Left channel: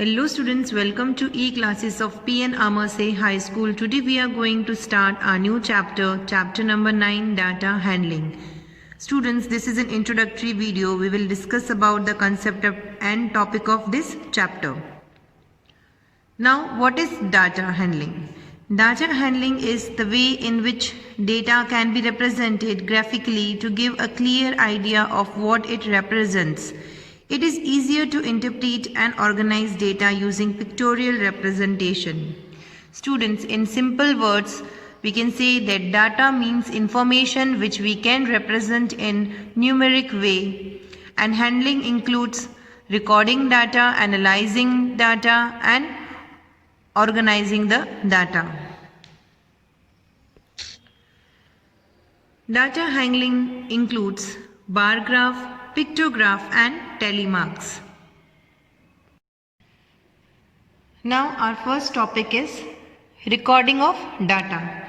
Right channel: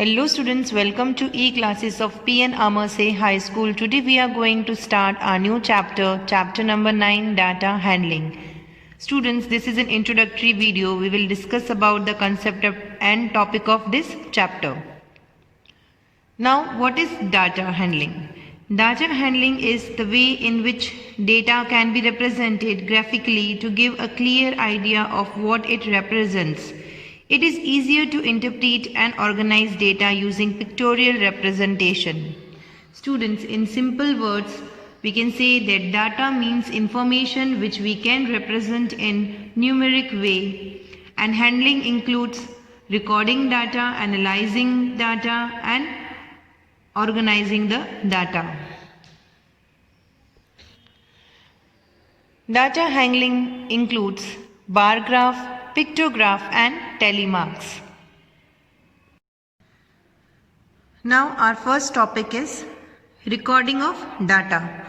Hello students, welcome to e-classes of P.N. Amerse High School. Today we are going to start our new chapter number 9, data handling. Students, this is an introductory video. We will discuss about the concept and topic of this chapter. Now, what is data handling? Data handling is the way in which data can be represented graphically to give a clear idea of what it represents. It is easier to interpret and organize data using pictorial representation. Students, in simple words, we can say that data means information which we can represent in numeric way, and handling includes recording data, analyzing data, and organizing the data. Data handling includes bar graph, pictograph and tally marks. Now our first topic is recording of data.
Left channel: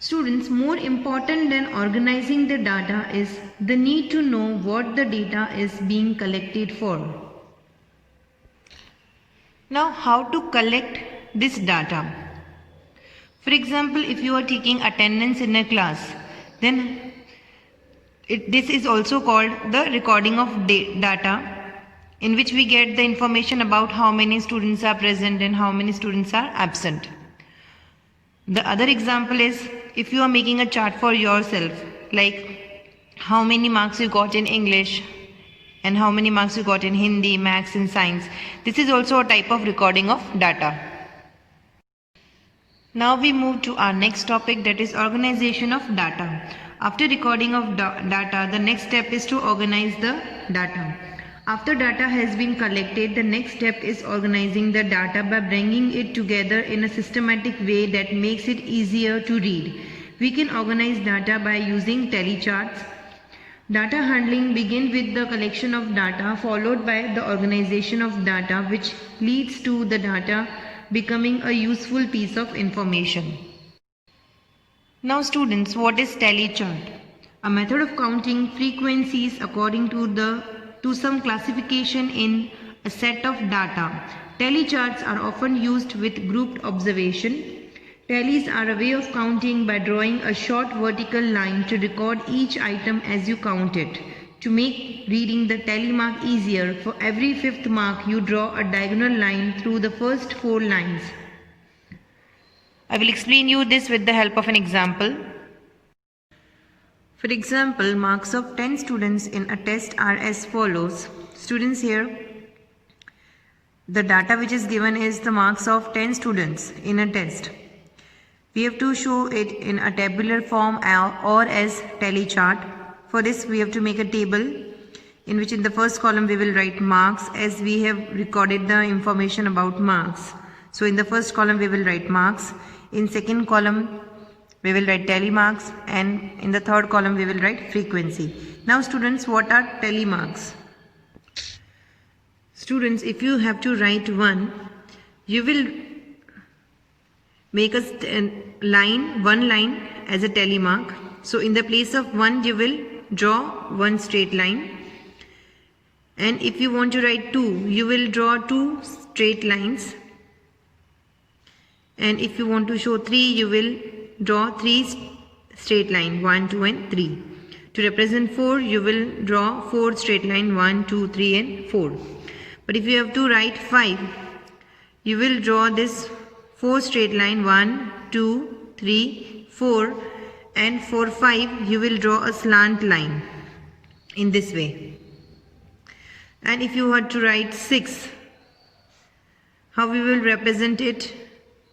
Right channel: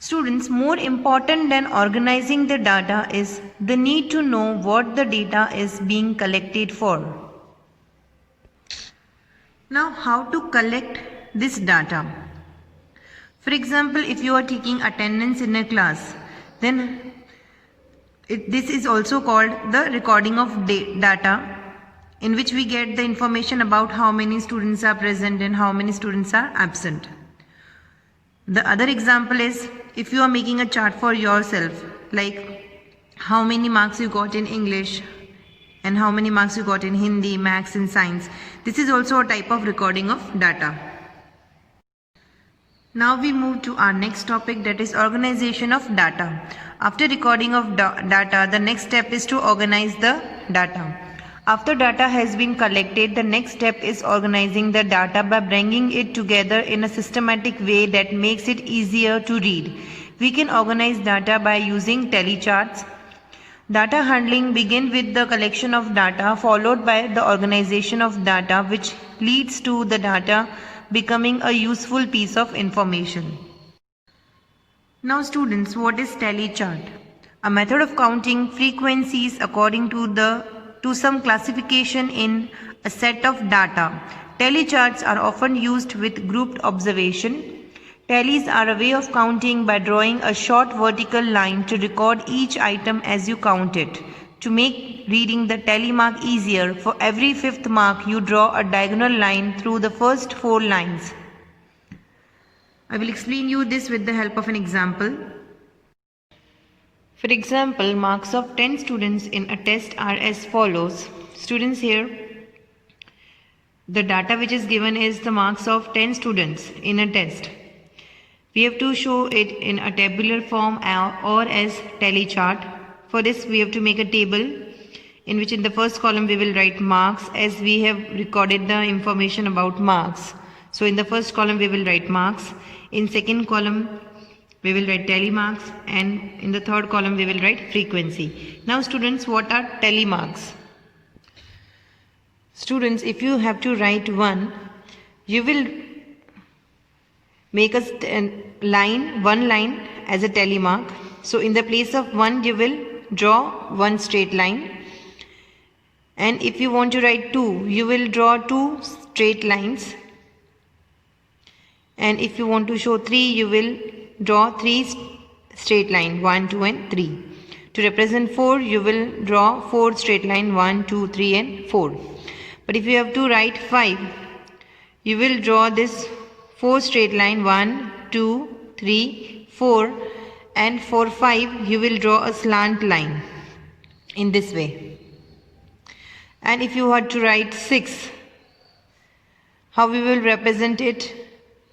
Students, more important than organizing the data is the need to know what the data is being collected for. Now, how to collect this data? For example, if you are taking attendance in a class, then this is also called the recording of data, in which we get the information about how many students are present and how many students are absent. The other example is if you are making a chart for yourself, like how many marks you got in English and how many marks you got in Hindi, Maths and Science. This is also a type of recording of data. Now we move to our next topic, that is organization of data. After recording of data, the next step is to organize the data. After data has been collected, the next step is organizing the data by bringing it together in a systematic way that makes it easier to read. We can organize data by using tally charts. Data handling begins with the collection of data followed by the organization of data, which leads to the data becoming a useful piece of information. Now students, what is tally chart? A method of counting frequencies according to some classification in a set of data. Tally charts are often used with grouped observation. Tallies are a way of counting by drawing a short vertical line to record each item as you count it. To make reading the tally mark easier, for every fifth mark you draw a diagonal line through the first 4 lines. I will explain you this with the help of an example. For example, marks of 10 students in a test are as follows. Students, here the data which is given is the marks of 10 students in a test. We have to show it in a tabular form or as tally chart. For this we have to make a table in which in the first column we will write marks, as we have recorded the information about marks. So in the first column we will write marks. In second column we will write tally marks, and in the third column we will write frequency. Now students, what are tally marks? Students, if you have to write 1, you will make one line as a tally mark. So in the place of 1 you will draw one straight line, and if you want to write 2, you will draw 2 straight lines, and if you want to show 3, you will draw 3 straight lines, 1, 2 and 3. To represent 4, you will draw 4 straight lines, 1, 2, 3 and 4. But if you have to write 5, you will draw this 4 straight line, 1, 2, 3, 4, and for 5 you will draw a slant line in this way. And if you had to write 6, how we will represent it?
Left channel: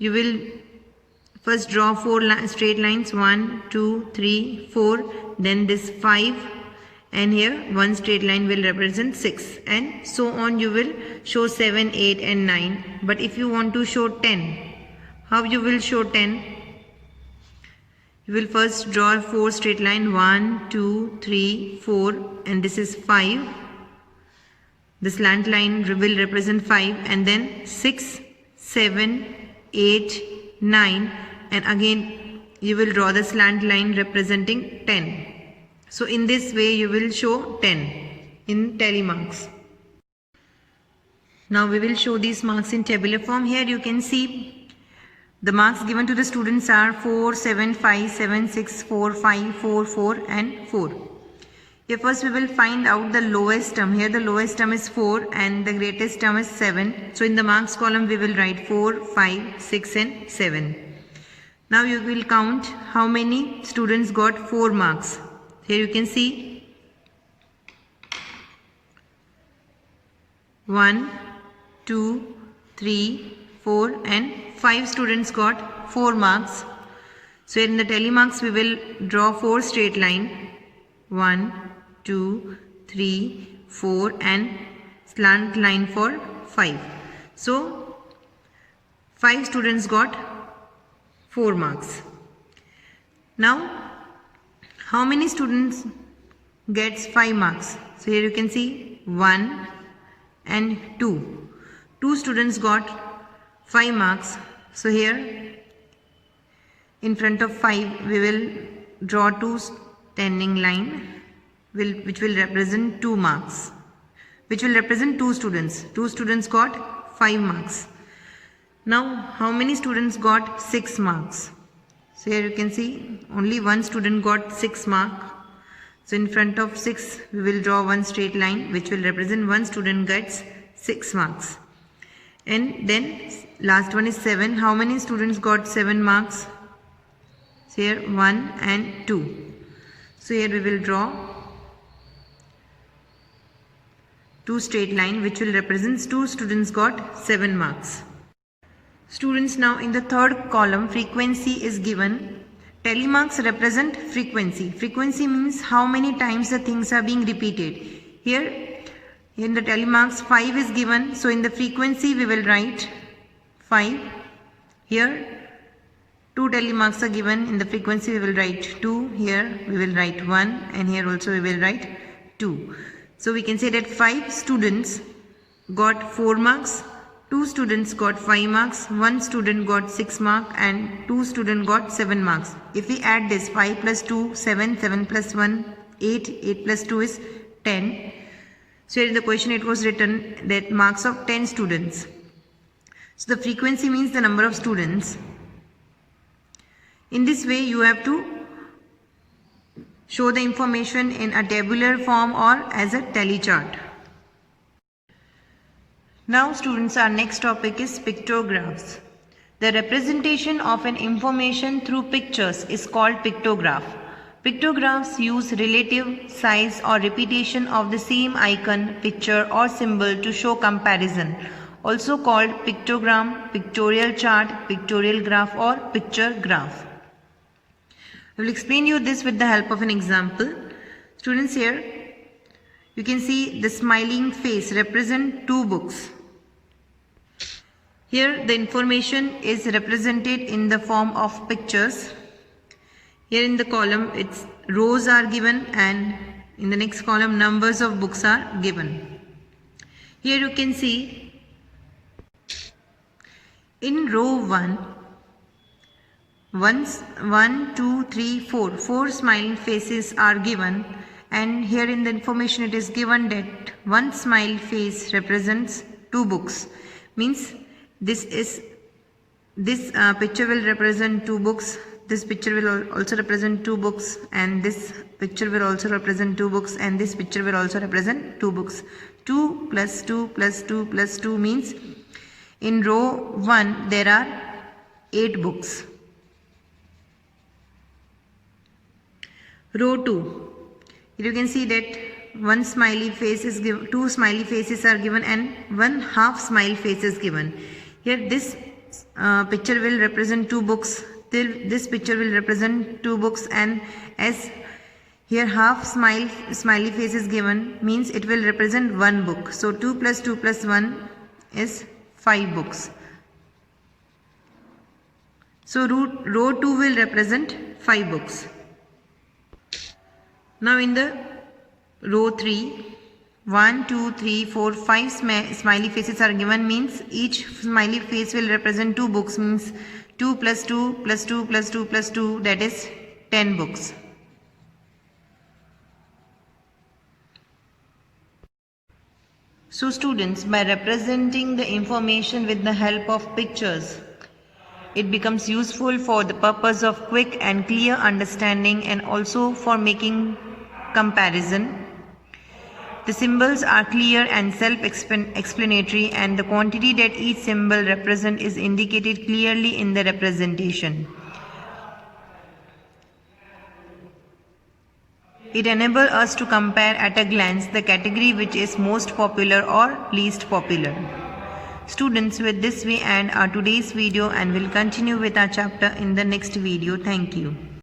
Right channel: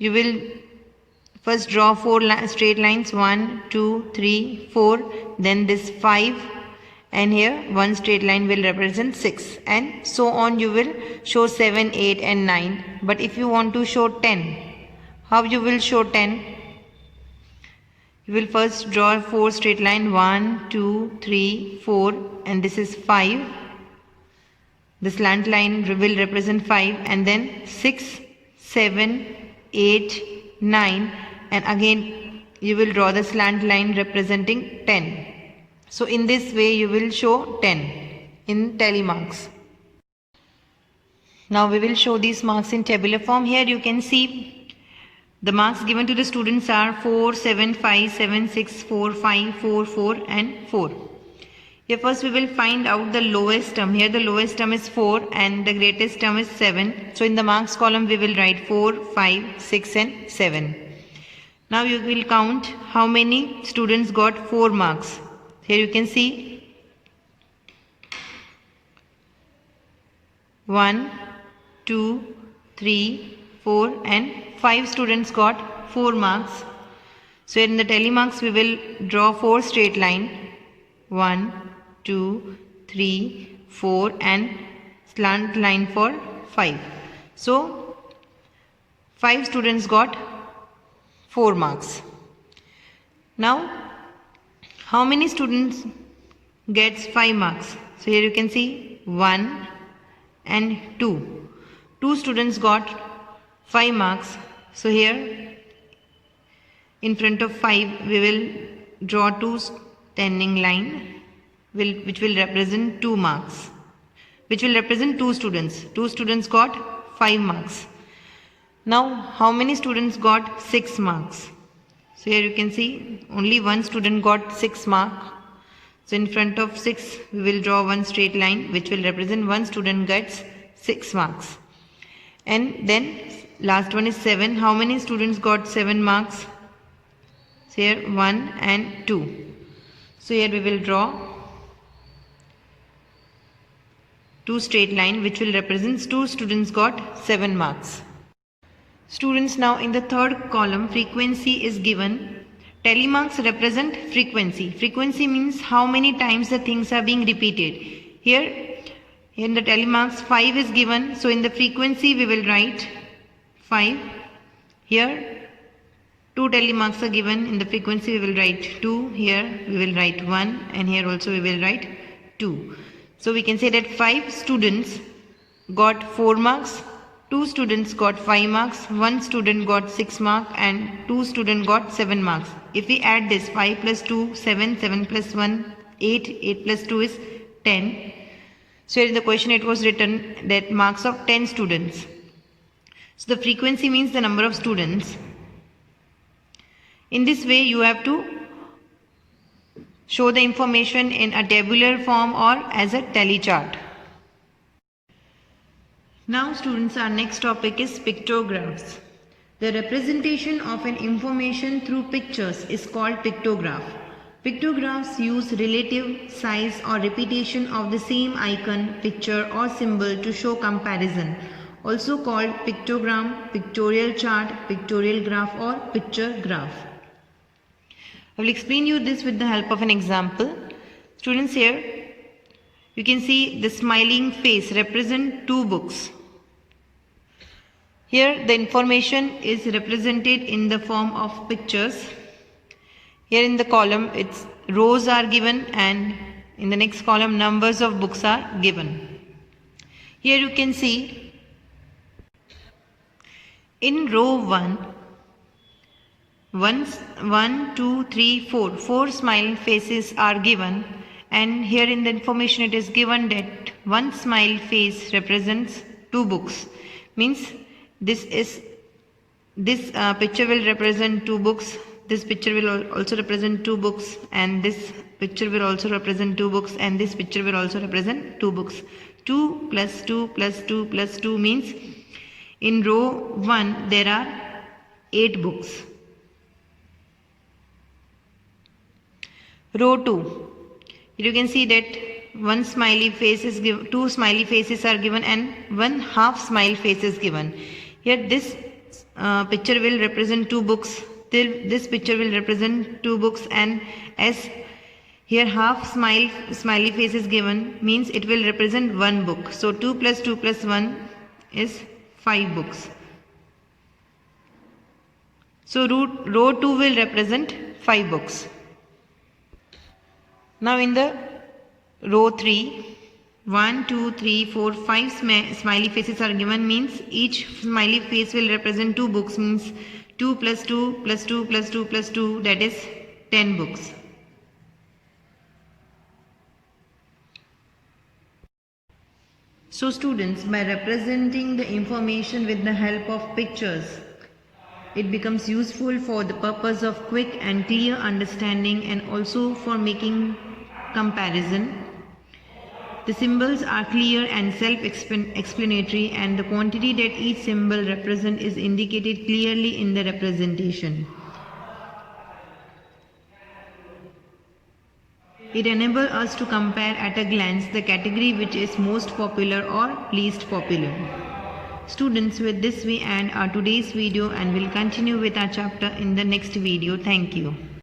You will first draw 4 straight lines, 1, 2, 3, 4, then this 5, and here one straight line will represent 6, and so on you will show 7, 8 and 9. But if you want to show 10, how you will show 10? You will first draw 4 straight line, 1, 2, 3, 4, and this is 5. The slant line will represent 5, and then 6, 7, 8, 9, and again you will draw the slant line representing 10. So in this way you will show 10 in tally marks. Now we will show these marks in tabular form. Here you can see the marks given to the students are 4, 7, 5, 7, 6, 4, 5, 4, 4 and 4. Here first we will find out the lowest term. Here the lowest term is 4 and the greatest term is 7. So in the marks column we will write 4, 5, 6 and 7. Now you will count how many students got 4 marks. Here you can see 1, 2, 3, 4 and 5 students got 4 marks. So in the telemarks we will draw 4 straight line. 1, 2, 3, 4 and slant line for 5. So 5 students got 4 marks. Now how many students gets 5 marks? So here you can see 1 and 2. 2 students got 5 marks. So here in front of 5 we will draw 2 standing line which will represent 2 marks, which will represent 2 students. 2 students got 5 marks. Now how many students got 6 marks? So here you can see only 1 student got 6 marks. So in front of 6 we will draw 1 straight line which will represent 1 student gets 6 marks. And then last one is 7. How many students got 7 marks? So here 1 and 2. So here we will draw 2 straight line which will represent 2 students got 7 marks. Students, now in the third column frequency is given. Telemarks represent frequency. Frequency means how many times the things are being repeated. Here in the telemarks 5 is given, so in the frequency we will write 5. Here 2 telemarks are given, in the frequency we will write 2. Here we will write 1 and here also we will write 2. So we can say that 5 students got 4 marks, 2 students got 5 marks, 1 student got 6 marks and 2 students got 7 marks. If we add this 5 plus 2, 7, 7 plus 1, 8, 8 plus 2 is 10. So in the question it was written that marks of 10 students. So the frequency means the number of students. In this way you have to show the information in a tabular form or as a tally chart. Now students, our next topic is pictographs. The representation of an information through pictures is called pictograph. Pictographs use relative size or repetition of the same icon, picture or symbol to show comparison. Also called pictogram, pictorial chart, pictorial graph or picture graph. I will explain you this with the help of an example. Students, here you can see the smiling face represent 2 books. Here the information is represented in the form of pictures. Here in the column its rows are given and in the next column numbers of books are given. Here you can see in row 1, 1, 2, 3, 4, 4 smiling faces are given, and here in the information it is given that 1 smile face represents 2 books. Means this picture will represent 2 books, this picture will also represent 2 books, and this picture will also represent 2 books, and this picture will also represent 2 books. 2 plus 2 plus 2 plus 2 means in row 1 there are 8 books. Row 2, you can see that 1 smiley face is given, 2 smiley faces are given and 1 half smile face is given. Here this picture will represent 2 books, this picture will represent 2 books, and as here half smiley face is given means it will represent 1 book. So 2 plus 2 plus 1 is 5 books. So row 2 will represent 5 books. Now in the row 3, 1, 2, 3, 4, 5 smiley faces are given means each smiley face will represent 2 books, means 2 plus 2 plus 2 plus 2 plus 2, that is 10 books. So students, by representing the information with the help of pictures, it becomes useful for the purpose of quick and clear understanding and also for making comparison. The symbols are clear and self-explanatory, and the quantity that each symbol represents is indicated clearly in the representation. It enables us to compare at a glance the category which is most popular or least popular. Students, with this we end our today's video and will continue with our chapter in the next video. Thank you.